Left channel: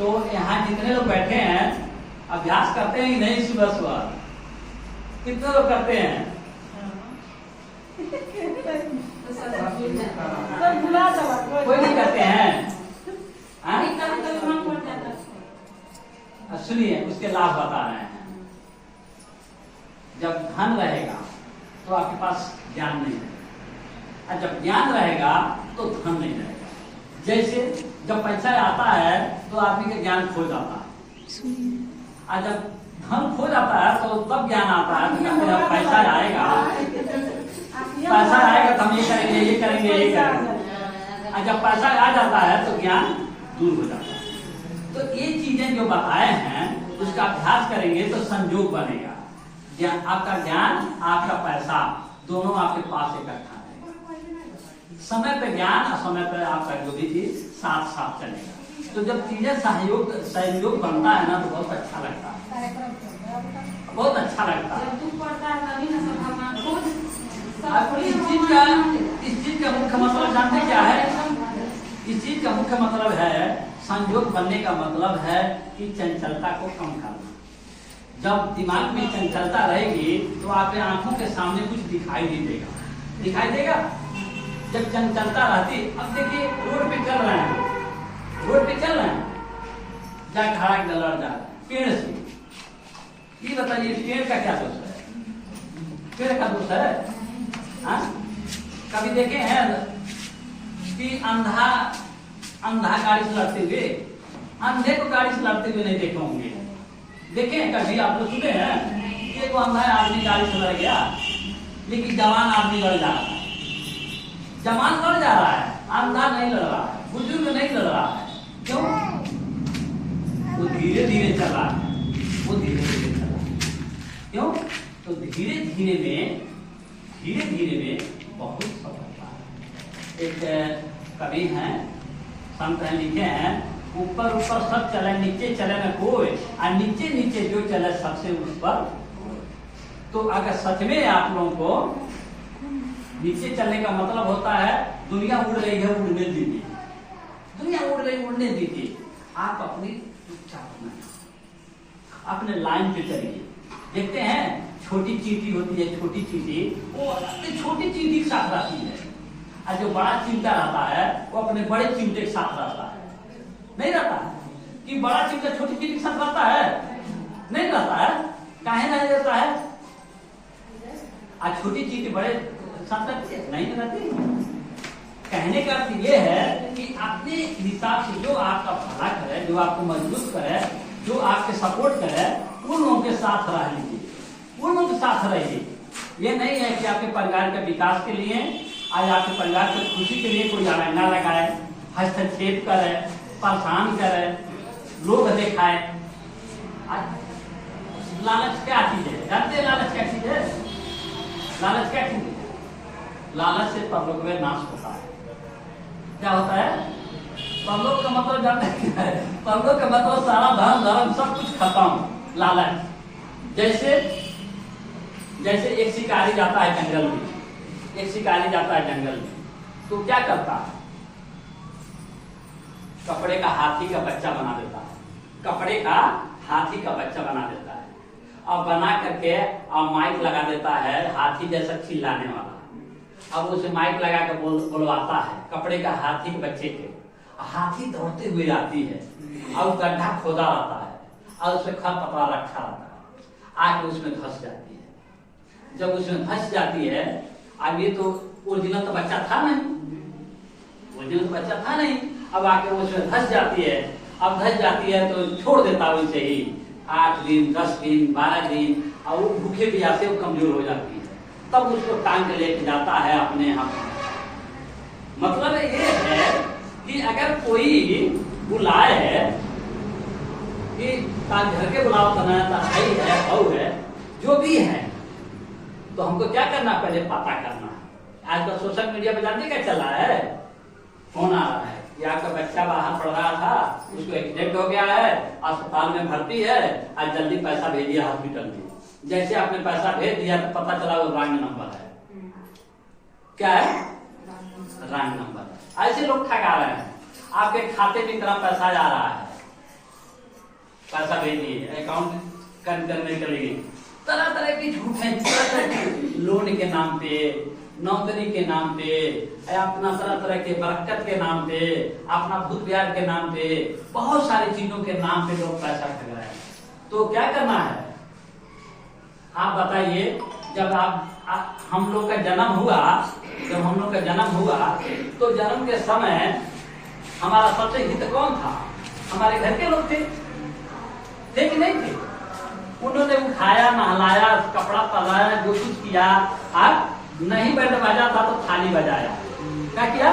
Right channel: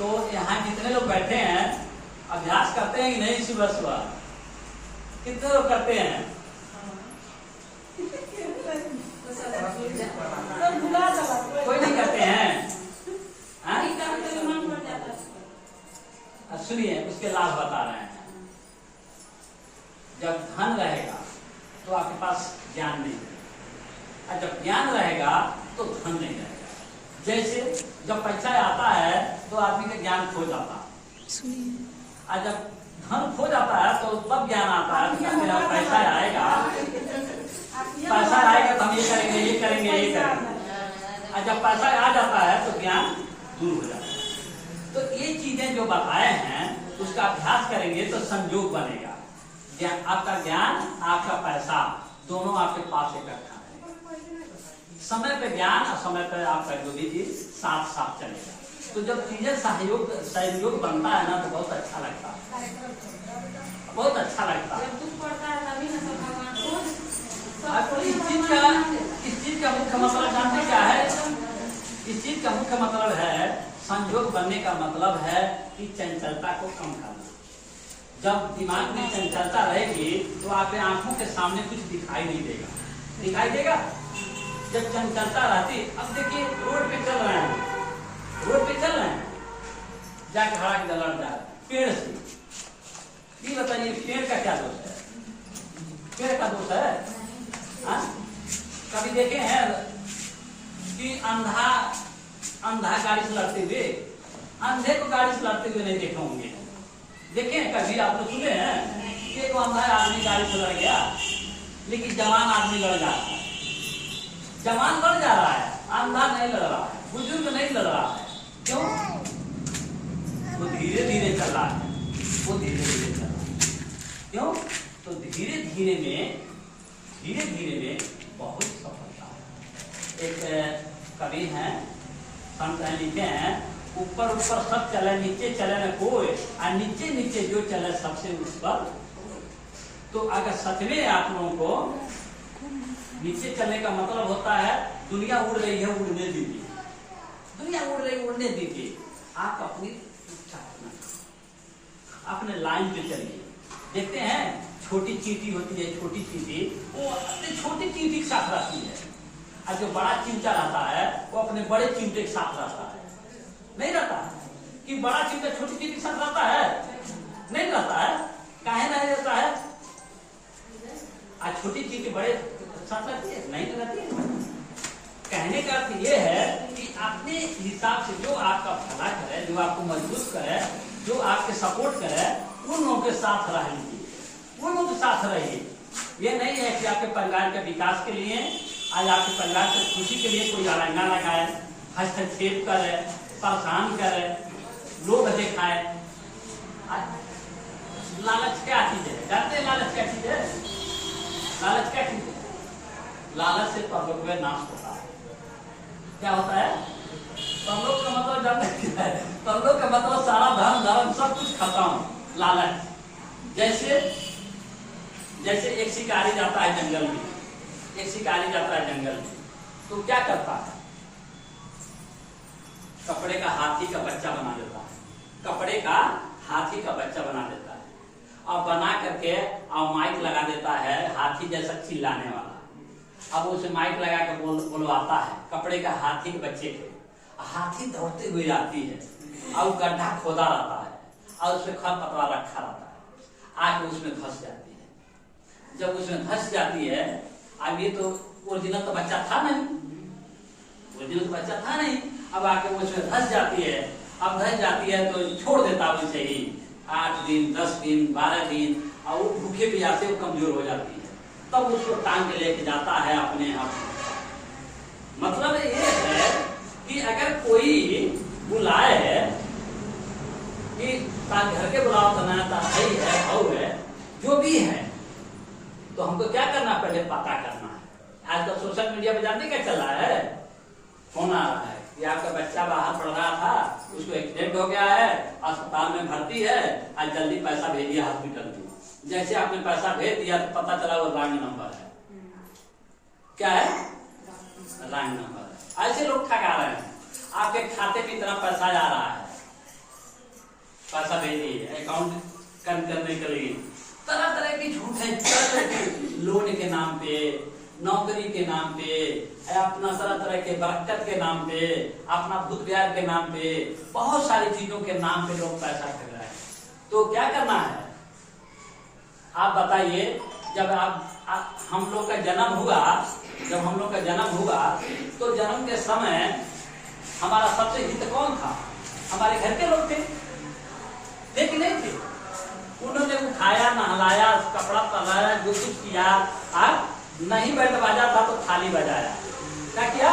तो यहाँ कितने लोग बैठे हैं, अभ्यास करते हैं कि नहीं सुबह सुबह? कितने लोग करते हैं? कोई नहीं करते हैं? सुनिए, उसके लाभ बता रहे हैं। जब धन रहेगा तो आपके पास ज्ञान नहीं रहेगा, और जब ज्ञान रहेगा तो धन नहीं रहेगा। जैसे जब पैसा आता है तो आदमी का ज्ञान खो जाता है, और जब धन खो जाता है तो तब ज्ञान आता है। तो जब पैसा आएगा तो हम ये करेंगे, ये करेंगे, ये करेंगे, और जब पैसा आ जाता है तो ज्ञान दूर हो जाता है। तो ये चीजें जो बताए हैं उसका अभ्यास करेंगे तो संयोग बनेगा। आपका ज्ञान, आपका पैसा दोनों आपके पास इकट्ठा रहेगा। समय पे ज्ञान और समय पे आपका जो भी चीज साथ साथ चलेगा। तो जब चीजें सहयोग बनता है ना तो बहुत अच्छा लगता है, बहुत अच्छा लगता है। आपको इस चीज का मुख्य मतलब जानते क्या है? इस चीज का मुख्य मतलब है, संयोग बनने का मतलब है कि चंचलता को कम करना। जब दिमाग में चंचलता रहेगी तो आपके आंखों के सामने कुछ दिखाई नहीं देगा, दिखाई देगा जब चंचलता रहती। अब देखिए रोड पे चल रहे हैं, जाके खड़ा के लड़ जा पेड़ से। ये बताइए पेड़ का क्या दोष है? पेड़ का दोष है? कभी देखे हैं कि अंधा गाड़ी से लड़ते हुए? अंधे को गाड़ी से लड़ते हुए नहीं देखे होंगे। देखे कभी आप लोग सुने हैं? एक अंधा आदमी गाड़ी से लड़ गया, लेकिन जवान आदमी लड़ जा रहा है। जवान लड़ जा रहा है, अंधा नहीं लड़ रहा है, बुजुर्ग नहीं लड़ रहा है। क्यों? वो धीरे धीरे चल रहा है, वो धीरे धीरे चल रहा है। क्यों? तो धीरे धीरे में बहुत सफलता है। एक कवि हैं, संत हैं, लिखे हैं, ऊपर ऊपर सब चले, नीचे चले न कोई, और नीचे नीचे जो चले सबसे उस पर। तो अगर सच में आप लोगों को नीचे चलने का मतलब होता है दुनिया उड़ रही है, उड़ने दीजिए, दुनिया उड़ रही, उड़ने दीजिए। आप अपनी अपने लाइन पे चलिए। देखते हैं छोटी चींटी होती है, छोटी चींटी वो अपनी छोटी चींटी के साथ रहती है, और जो बड़ा चिमटा रहता है वो अपने बड़े चिमटे के साथ रहता है। नहीं रहता है कि बड़ा चिमटा छोटी चींटी के साथ रहता है? नहीं रहता है। काहे नहीं रहता है? आज छोटी चींटी बड़े साथ रहती है? नहीं रहती। कहने का अर्थ ये है कि अपने हिसाब से जो आपका भला करे, जो आपको मजबूत करे, जो आपके सपोर्ट करे, उन लोगों के साथ रह लीजिए, उन लोगों के साथ रहिए। ये नहीं है कि आपके परिवार के विकास के लिए, आज आपके परिवार की खुशी के लिए कोई अड़ंगा लगाए, हस्तक्षेप करे, परेशान करे, लोग दिखाए। लालच क्या चीज है? जानते हैं लालच क्या चीज है? लालच क्या चीज है? लालच से परलोक में नाश होता है। क्या होता है? परलोक का मतलब जानते क्या है? परलोक का मतलब सारा धर्म धर्म सब कुछ खत्म। लालच जैसे एक शिकारी जाता है जंगल में, एक शिकारी जाता है जंगल में, तो क्या करता है? कपड़े का हाथी का बच्चा बना देता है, कपड़े का हाथी का बच्चा बना देता है, और बना करके और माइक लगा देता है हाथी जैसा चिल्लाने वाला। अब उसे माइक लगा के बुलवाता है कपड़े का हाथी के बच्चे के। हाथी दौड़ते हुए आती है और गड्ढा खोदा रहता है और उसमें खरपतवार रखा रहता है, आके उसमें धंस जाती है। जब उसमें धंस जाती है, अब ये तो ओरिजिनल तो बच्चा था नहीं, ओरिजिनल तो बच्चा था नहीं, अब आके वो उसमें धंस जाती है। अब धंस जाती है तो छोड़ देता वैसे ही 8 दिन 10 दिन 12 दिन, और वो भूखे प्यासे वो कमजोर हो जाती है। तब उसको टांग के लेके जाता है अपने यहाँ। मतलब ये है कि अगर कोई बुलाए कि घर के बुलावा बनाता है, जो भी है, तो हमको क्या करना, पहले पता करना है। आज तो सोशल मीडिया पे जानते क्या चल रहा है? फोन आ रहा है कि आपका बच्चा बाहर पढ़ रहा था, उसको एक्सीडेंट हो गया है, अस्पताल में भर्ती है, आज जल्दी पैसा भेजिए हॉस्पिटल में। जैसे आपने पैसा भेज दिया तो पता चला वो रॉन्ग नंबर है। क्या है? रॉन्ग नंबर है। ऐसे लोग ठगा रहे हैं। आपके खाते में इतना पैसा जा रहा है, बेली अकाउंट करने के लिए तरह तरह की झूठ है, तरह तरह के लोन के नाम पे, नौकरी के नाम पे, अपना तरह तरह के बरकत के नाम पे, अपना भूत विहार के नाम पे, बहुत सारी चीजों के नाम पे लोग पैसा ठग रहे हैं। तो क्या करना है आप बताइए। जब हम लोग का जन्म हुआ, जब हम लोग का जन्म हुआ तो जन्म के समय हमारा सबसे हित कौन था? हमारे घर के लोग थे कि नहीं थे? उन्होंने उठाया, नहलाया, कपड़ा पहनाया, जो कुछ किया। आप नहीं बैंड बाजा था तो थाली बजाया। क्या किया?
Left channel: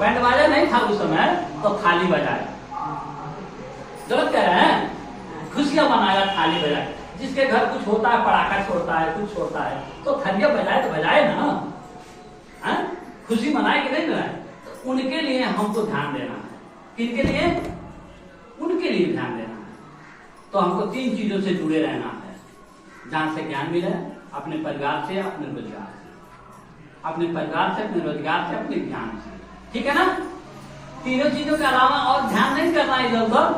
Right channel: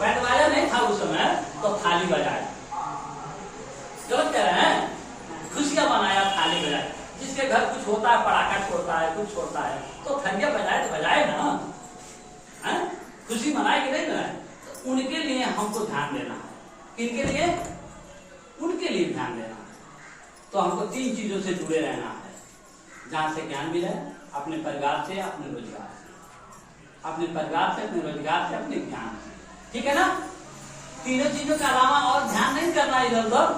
बैंड बाजा नहीं था उस समय तो थाली बजाया। गलत कह रहे हैं? खुशियां मनाया, थाली बजाया। जिसके घर कुछ होता है, पटाखा छोड़ता है, कुछ छोड़ता है, तो थालियां बजाए तो बजाए ना, खुशी मनाए कि नहीं मनाए? तो उनके लिए हमको ध्यान देना है। किनके लिए? उनके लिए ध्यान देना है। तो हमको 3 चीजों से जुड़े रहना है। जहां से ज्ञान मिले, अपने परिवार से, अपने रोजगार से, अपने परिवार से, अपने रोजगार से, अपने ज्ञान से। ठीक है ना? तीनों चीजों के अलावा और ध्यान नहीं करना इधर उधर।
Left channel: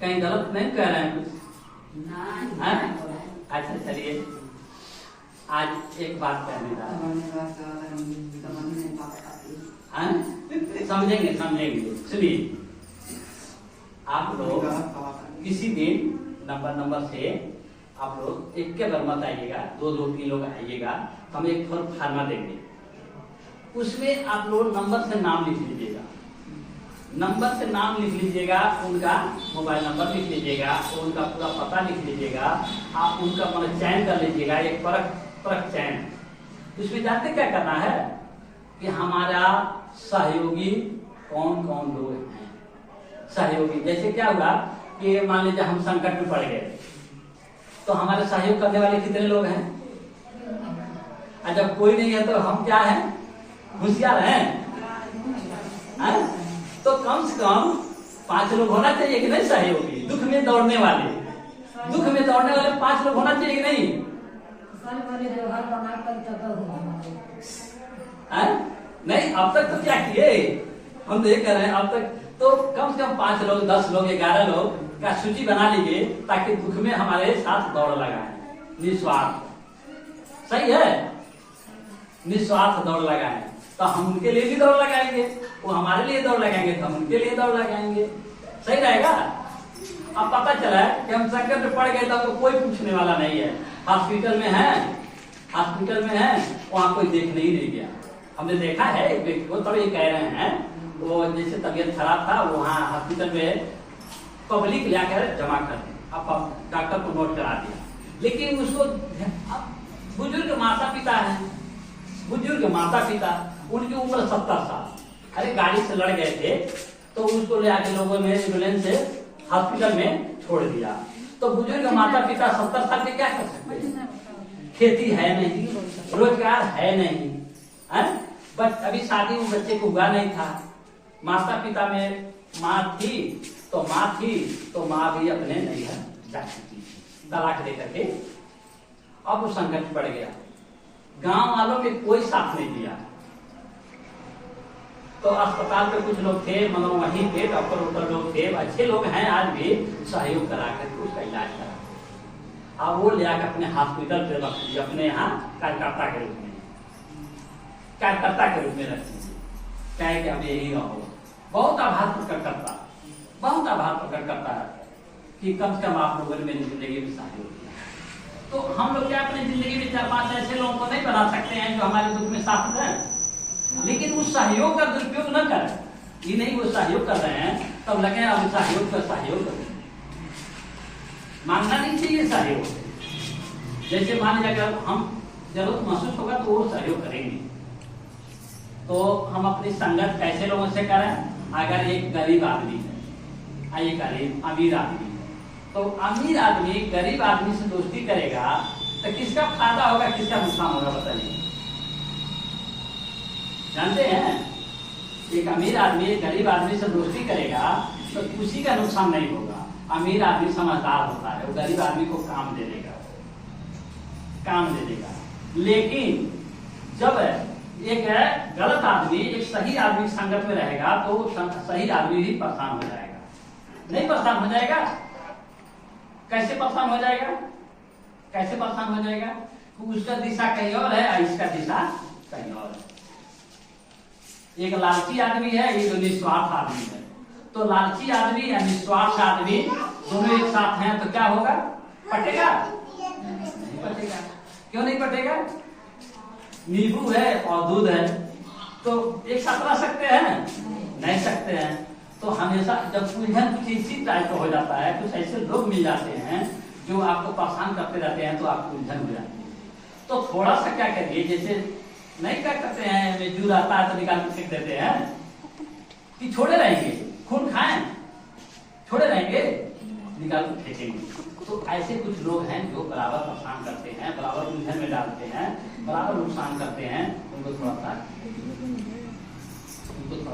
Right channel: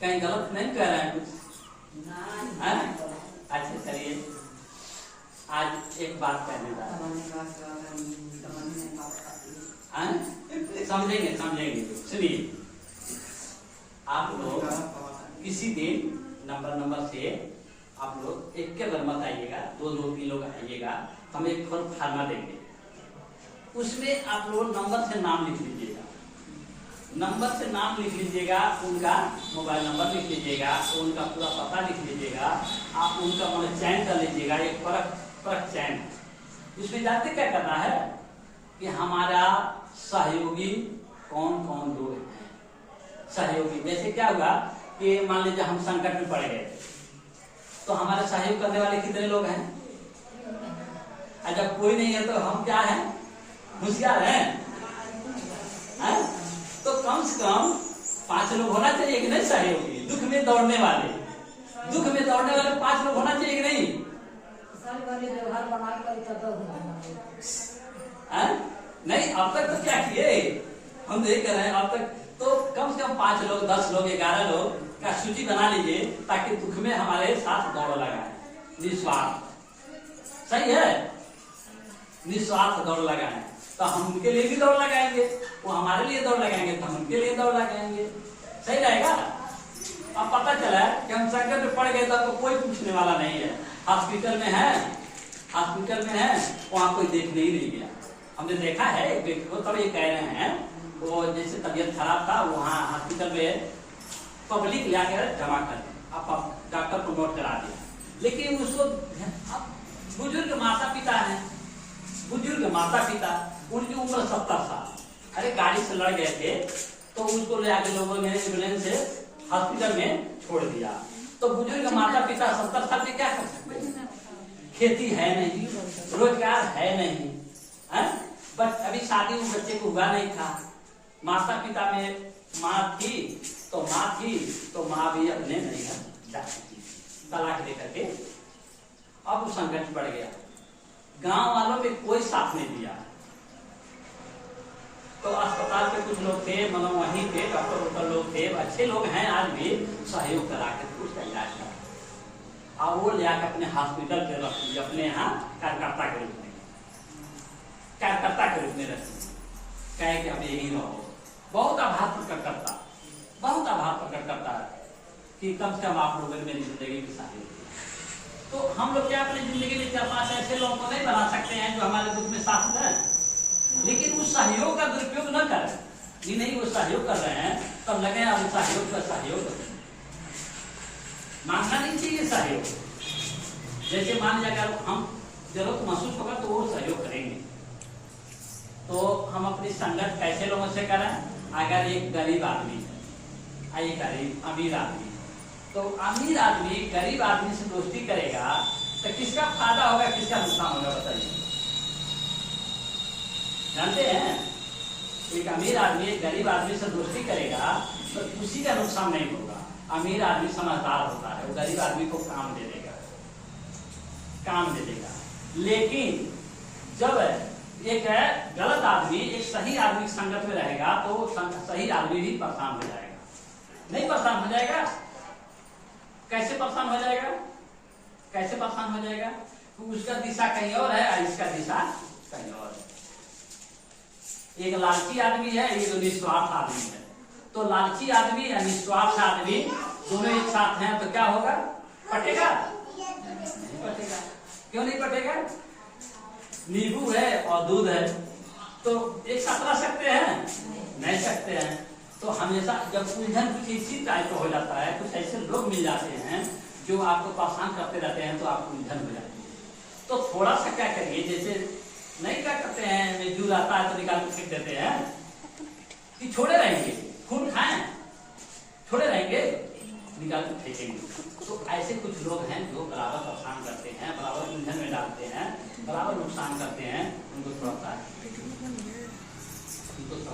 कहीं गलत नहीं कह रहे हैं कुछ? अच्छा चलिए, आज एक बात कहने का समझेंगे। सुनिए, आप लोग किसी दिन नंबर से आप लोग एक के बार मत आइएगा, 2-3 लोग आइएगा। हम एक फार्मा देंगे, उसमें आप लोग नंबर से नाम लिख लीजिएगा। नंबर से नाम लिख लीजिएगा, उनका मोबाइल नंबर लिख लीजिएगा, उनका पूरा पता लिख लीजिएगा, आप उनका चयन कर लीजिएगा, एक परख चयन। उसमें जानते क्या करना है कि हमारा सहयोगी कौन कौन लोग हैं। सहयोगी जैसे क्या हुआ कि मान लीजिए हम संकट में पड़ गए, तो हमारे सहयोग करने वाले कितने लोग हैं? जब कोई नहीं है तो हम क्या हैं? होशियार हैं। तो कम से कम 5 लोग होना चाहिए कि नहीं सहयोगी? दुख में दौड़ने वाले, 5 लोग होना चाहिए कि नहीं? नहीं, अब तक तो क्या किए हम तो ये कह रहे हैं। अब तक तो कम से कम 5 लोग, 10 लोग, 11 लोग का सूची बना लीजिए, ताकि दुख में हमारे साथ दौड़ लगाए, निस्वार्थ। सही है? निस्वार्थ दौड़ लगाए तो हम उनके लिए भी दौड़ लगाएंगे, वो हमारे लिए दौड़ लगाएंगे तो हम उनके लिए दौड़ लगाएंगे। सही रहेगा? अब पता चला कि हम संकट में पड़ गए तो आपको कोई पूछने वाला नहीं है। हॉस्पिटल में है, वहां कोई देखने ही नहीं गया। हमने देखा है एक व्यक्ति को, तब ये कह रहे हैं, वो जैसे तबीयत खराब था, वहाँ हॉस्पिटल में पब्लिक लाकर जमा कर दी, अब डॉक्टर को नोट करा दिया। लेकिन उसको बुजुर्ग माता पिता, उनकी उम्र 70 साल। अरे गाड़ी से लड़ गए थे तो उसको ले आके लोगों ने एम्बुलेंस से हॉस्पिटल में छोड़ दिया। तो बुजुर्ग माता पिता 70 साल के क्या कर सकते हैं? खेती है नहीं, रोजगार है नहीं, बस अभी शादी उस बच्चे को हुआ नहीं था। माता पिता में माँ थी तो माँ भी अपने नहीं है जा चुकी थी, तलाक दे करके। अब वो संकट पड़ गया, गांव वालों में कोई साथ नहीं दिया। तो अस्पताल पे कुछ लोग थे, वहीं पे डॉक्टर लोग थे, अच्छे लोग हैं आज भी, सहयोग करा के उसका इलाज करा। अब वो ले आकर अपने हॉस्पिटल पे रख दिया, अपने यहाँ कार्यकर्ता के रूप में रख दिया। कहे कि अब यही रहो। बहुत आभार प्रकट करता है कि कम से कम आप लोगों ने मेरी जिंदगी में सहयोग किया। तो हम लोग क्या अपनी जिंदगी में 4-5 ऐसे लोगों को नहीं बना सकते हैं जो हमारे दुख में साथ दें, लेकिन उस सहयोग का दुरुपयोग न करें। ये नहीं वो सहयोग कर रहे हैं तब लगे अब सहयोग मांगना नहीं चाहिए सहयोग। जैसे मान लीजिए अगर हम जरूरत महसूस होगा तो वो सहयोग करेंगे। तो हम अपनी संगत कैसे लोगों से करें? अगर एक गरीब आदमी है, एक अमीर आदमी है, तो अमीर आदमी गरीब आदमी से दोस्ती करेगा तो किसका फायदा होगा, किसका नुकसान होगा बताइए? जानते हैं? एक अमीर आदमी गरीब आदमी से दोस्ती करेगा तो उसी का नुकसान नहीं होगा। अमीर आदमी समझदार होता है, वो गरीब आदमी को काम दे देगा। लेकिन जब एक है गलत आदमी एक सही आदमी की संगत में रहेगा तो सही आदमी भी परेशान हो जाएगा। नहीं परेशान हो जाएगा? कैसे परेशान हो जाएगा? कैसे परेशान हो जाएगा? उसका दिशा कहीं और है और इसका दिशा कहीं और है। एक लालची आदमी है, एक निस्वार्थ आदमी है। तो लालची आदमी या निस्वार्थ आदमी दोनों एक साथ हैं तो क्या होगा? पटेगा? नहीं पटेगा। क्यों नहीं पटेगा? नींबू है और दूध है तो एक साथ रह सकते हैं? नहीं सकते हैं। तो हमेशा जब उलझन कुछ इसी टाइप का हो जाता है, कुछ ऐसे लोग मिल जाते हैं जो आपको परेशान करते रहते हैं तो आपको उलझन हो जाती है। तो थोड़ा सा क्या करिए, जैसे नहीं क्या करते हैं, में जू रहता है तो निकाल के फेंक देते हैं कि छोड़े रहेंगे, खून खाएं, छोड़े रहेंगे, निकाल के फेंकेंगे। तो ऐसे कुछ लोग हैं जो बराबर परेशान करते हैं, बराबर उलझन में डालते हैं, बराबर नुकसान करते हैं। उनको थोड़ा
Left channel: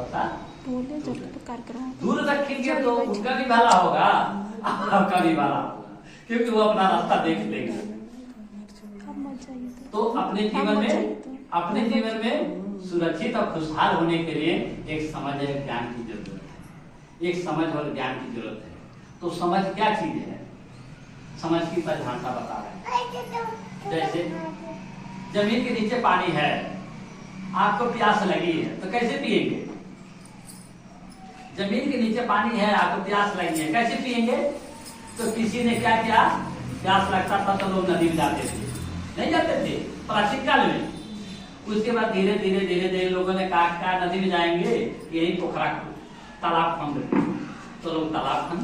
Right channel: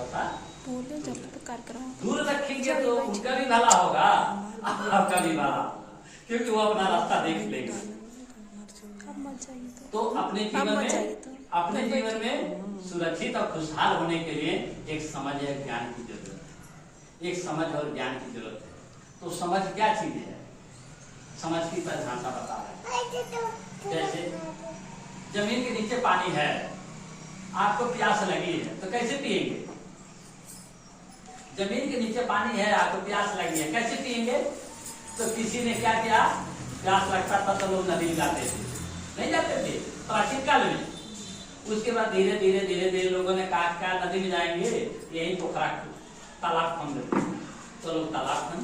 सा बोले जब कार्यक्रम दूर रखेंगे तो उनका भी भला होगा, आपका भी भला होगा, क्योंकि वो अपना रास्ता देख लेंगे। तो अपने जीवन में सुरक्षित और खुशहाल होने के लिए एक समझ है, ज्ञान की जरूरत है। एक समझ और ज्ञान की जरूरत है। तो समझ क्या चीज है? समझ की परिभाषा बता रहे हैं। जैसे जमीन के नीचे पानी है, आपको प्यास लगी है तो कैसे पिएंगे? जमीन के नीचे पानी है, आपको प्यास लगी है, कैसे पिएंगे? तो किसी ने क्या किया, प्यास लगता था तो लोग नदी में जाते थे, नहीं जाते थे प्राचीन काल में। उसके बाद धीरे धीरे धीरे धीरे लोगों ने कहा नदी में जाएंगे, यही पोखरा तालाब खन देते, तो लोग तालाब खन,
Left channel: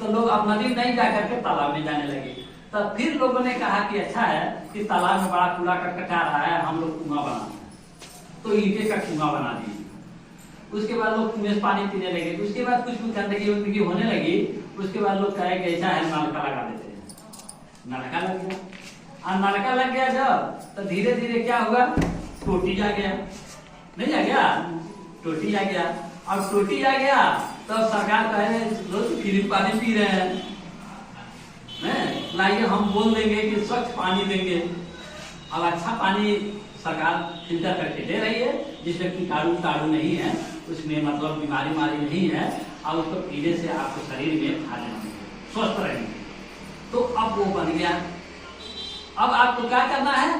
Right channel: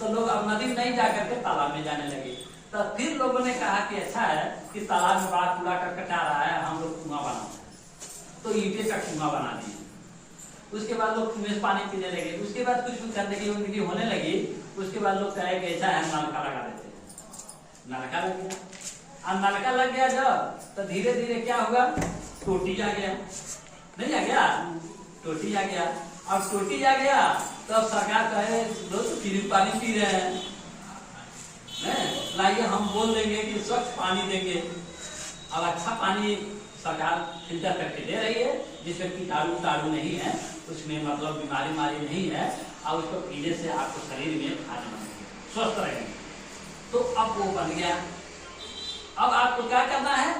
तो लोग अब नदी में नहीं जाकर के तालाब में जाने लगे। तो फिर लोगों ने कहा कि अच्छा है कि तालाब में बड़ा कूड़ा करकट आ रहा है, हम लोग कुआं बना, तो ईंटे का कुआं बना दिए। उसके बाद लोग कुएं से पानी पीने लगे। उसके बाद कुछ गंदगी होने लगी। उसके बाद लोग कहे कि ऐसा है नलका लगा देते हैं, नलका लग गया। और नलका लग गया जब, तो धीरे धीरे क्या हुआ, टोटी आ गया, नहीं आ गया, टोटी आ गया। और टोटी आ गया तो सरकार कहे लोग फ्री पानी पी रहे हैं, लाइए हम बोल देंगे कि स्वच्छ पानी देंगे। अब अच्छा पानी सरकार फिल्टर करके दे रही है, जिसमें कीटाणु नहीं है, उसमें मतलब बीमारी नहीं है, और उसको पीने से आपको शरीर में फायदा स्वस्थ रहेंगे। तो अब वो बन गया। अब आपको क्या करना है,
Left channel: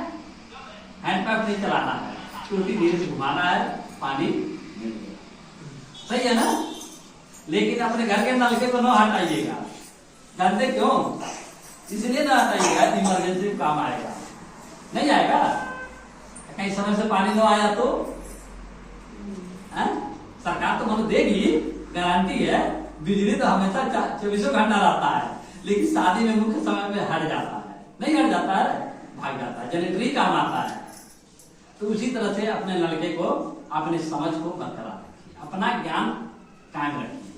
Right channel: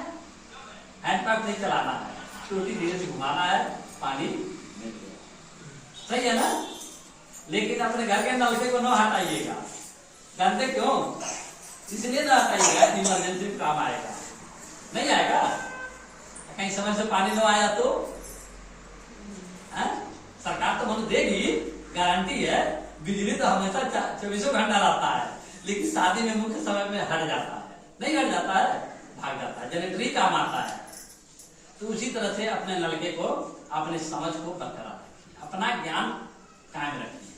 हैंडपंप नहीं चलाना है, टूटी धीरे से घुमाना है, पानी मिल गया। सही है ना? लेकिन अपने घर के नलके को न हटाइएगा। जानते क्यों? इसलिए ना हटाइएगा, इमरजेंसी में काम आएगा। नहीं आएगा, कहीं समय से पानी न आया तो सरकार तो मतलब देगी, गारंटी है। बिजली तो हमेशा 24 घंटा रहता है, लेकिन शादी में मुख्य समय में हट जाता है, नहीं हट जाता है, भाग जाता है, जनरेटरी काम आता है। तो उसी तरह से अपने लड़के को, अपने समझ को बरकरार रखिए, अपना ज्ञान कायम रखिए,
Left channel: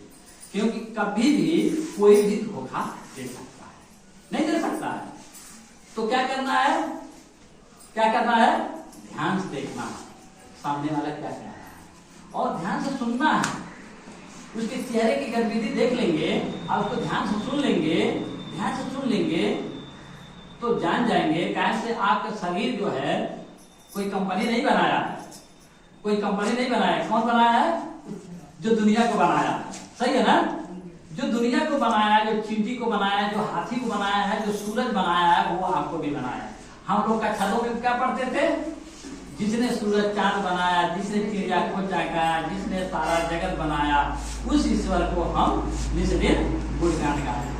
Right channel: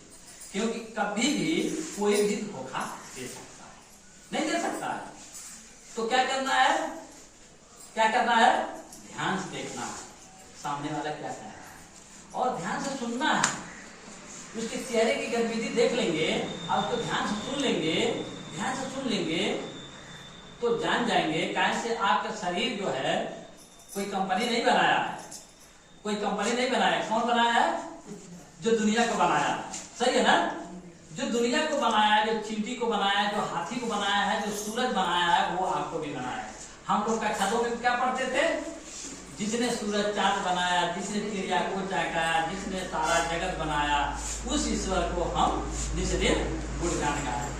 क्योंकि कभी भी कोई भी धोखा दे सकता है, नहीं दे सकता है। तो क्या करना है, क्या करना है, ध्यान से देखना है सामने वाला क्या कह रहा है, और ध्यान से सुनना है। उसके चेहरे की गतिविधि देख लेंगे और उसको ध्यान से सुन लेंगे, ध्यान से सुन लेंगे तो जान जाएंगे। कैसे आपका शरीर जो है कोई कंपनी नहीं बनाया है, कोई कंपनी नहीं बनाया है। कौन बनाया है? जो दुनिया को बनाया। सही है ना? जो दुनिया को बनाया है, जो चींटी को बनाया है, जो हाथी को बनाया है, जो सूरज बनाया है, वो आपको भी बनाया है। हम लोग का छतों में क्या पढ़ते थे, जिसने सूरज चांद बनाया, जिसने चिड़िया को चाका, जिसने सारा जगत बनाया, उस ईश्वर को हम निज दिन गुणगान गाते।